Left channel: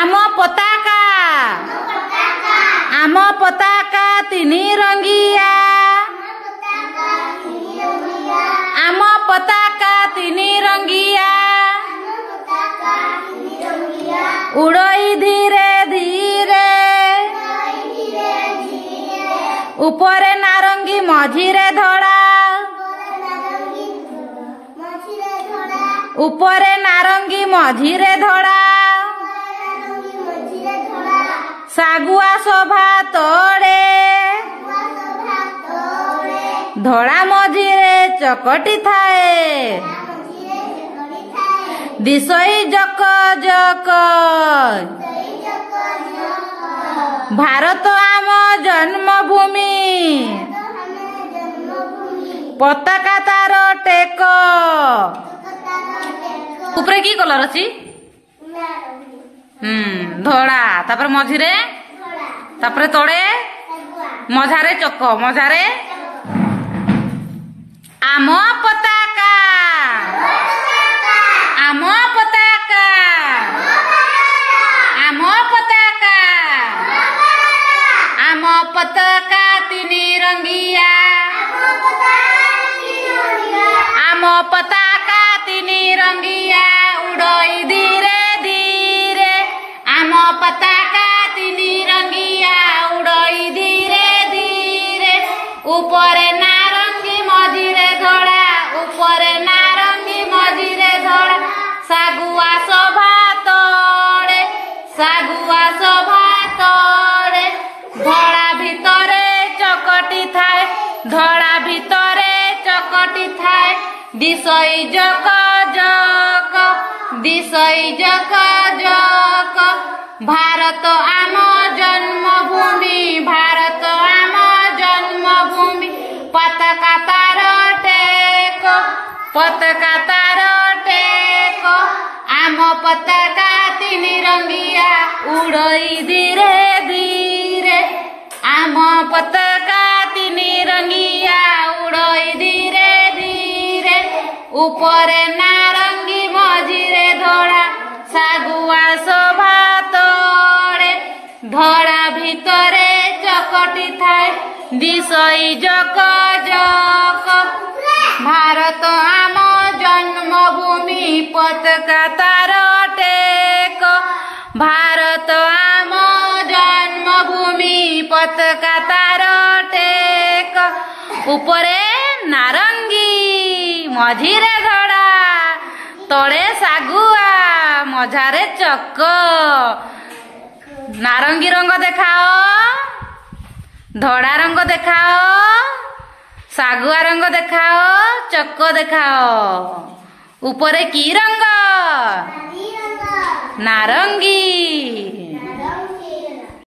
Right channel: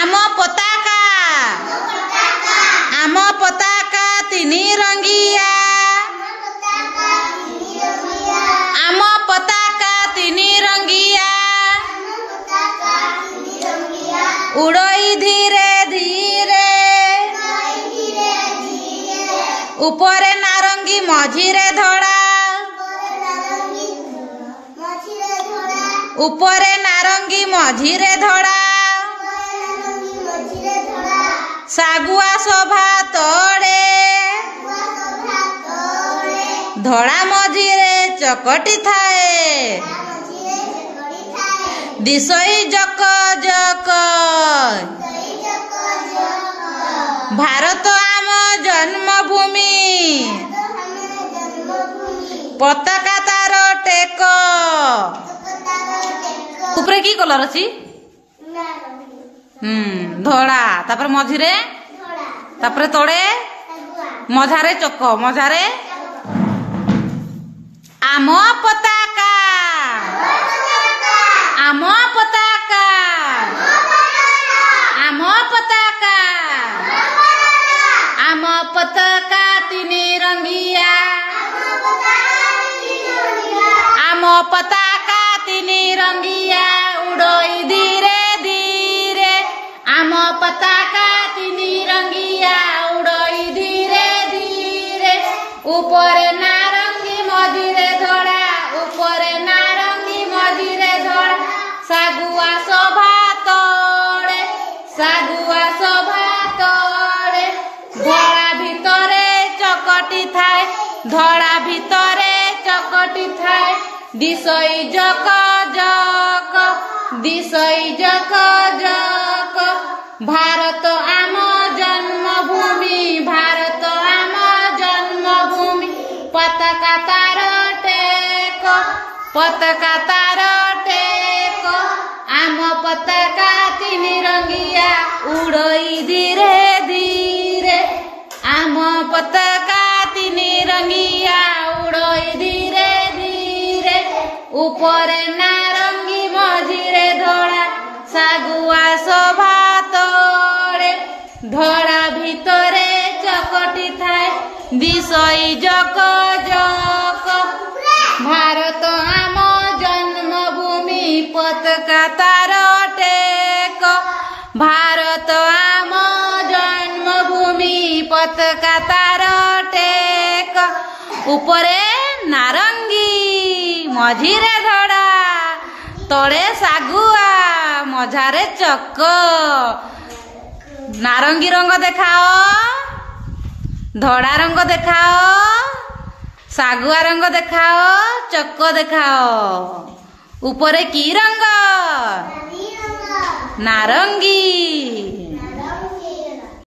आम पताका आम पताका तीनी रंगिया आम पताका तीनी रंगिया उड़ई धीरे धीरे ऊपरे नारंगी मझिरे धड़ा ऊपरे नारंगी मझिरे धड़ा सागुआ शोभा तोड़े धड़ा मझिरे चकटी थाए दिशई जक जक भारत आम जन्मभूमि पताका तार टेक ऊपर की कलर अछि धड़ा तापर मझिरे तापर तोड़े मझारे चक मझारे आम पताका आम पताका आम पताका आम पताका तीनी रंगिया आम पताका तीनी रंगिया उड़ई धीरे धीरे आम पताका तीनी रंगिया उड़ई धीरे धीरे ऊपरे नारंगी मझिरे धड़ा ऊपरे नारंगी मझिरे धड़ा सागुआ शोभा तोड़े सागुआ शोभा तोड़े धड़ा भितरे चकटी थाए धड़ा भितरे चकटी थाए दिशई जक जक दिशई जक जक भारत आम जन्मभूमि भारत आम जन्मभूमि पताका तार टेक पताका तार टेक आम पताका तीनी रंगिया उड़ई धीरे धीरे आम पताका तीनी रंगिया उड़ई धीरे धीरे ऊपरे नारंगी मझिरे धड़ा सागुआ शोभा तोड़े धड़ा भितरे चकटी थाए दिशई जक जक भारत आम जन्मभूमि पताका तार टेक भारत आम जन्मभूमि पताका तार टेक ऊपरे नारंगी मझिरे धड़ा तड़े सागुआ मझारे चक नारंगी रंग देखाओ धड़ा रंग देखाओ सागुआ रंग देखाओ चक देखाओ ऊपरे की रंग नारंगी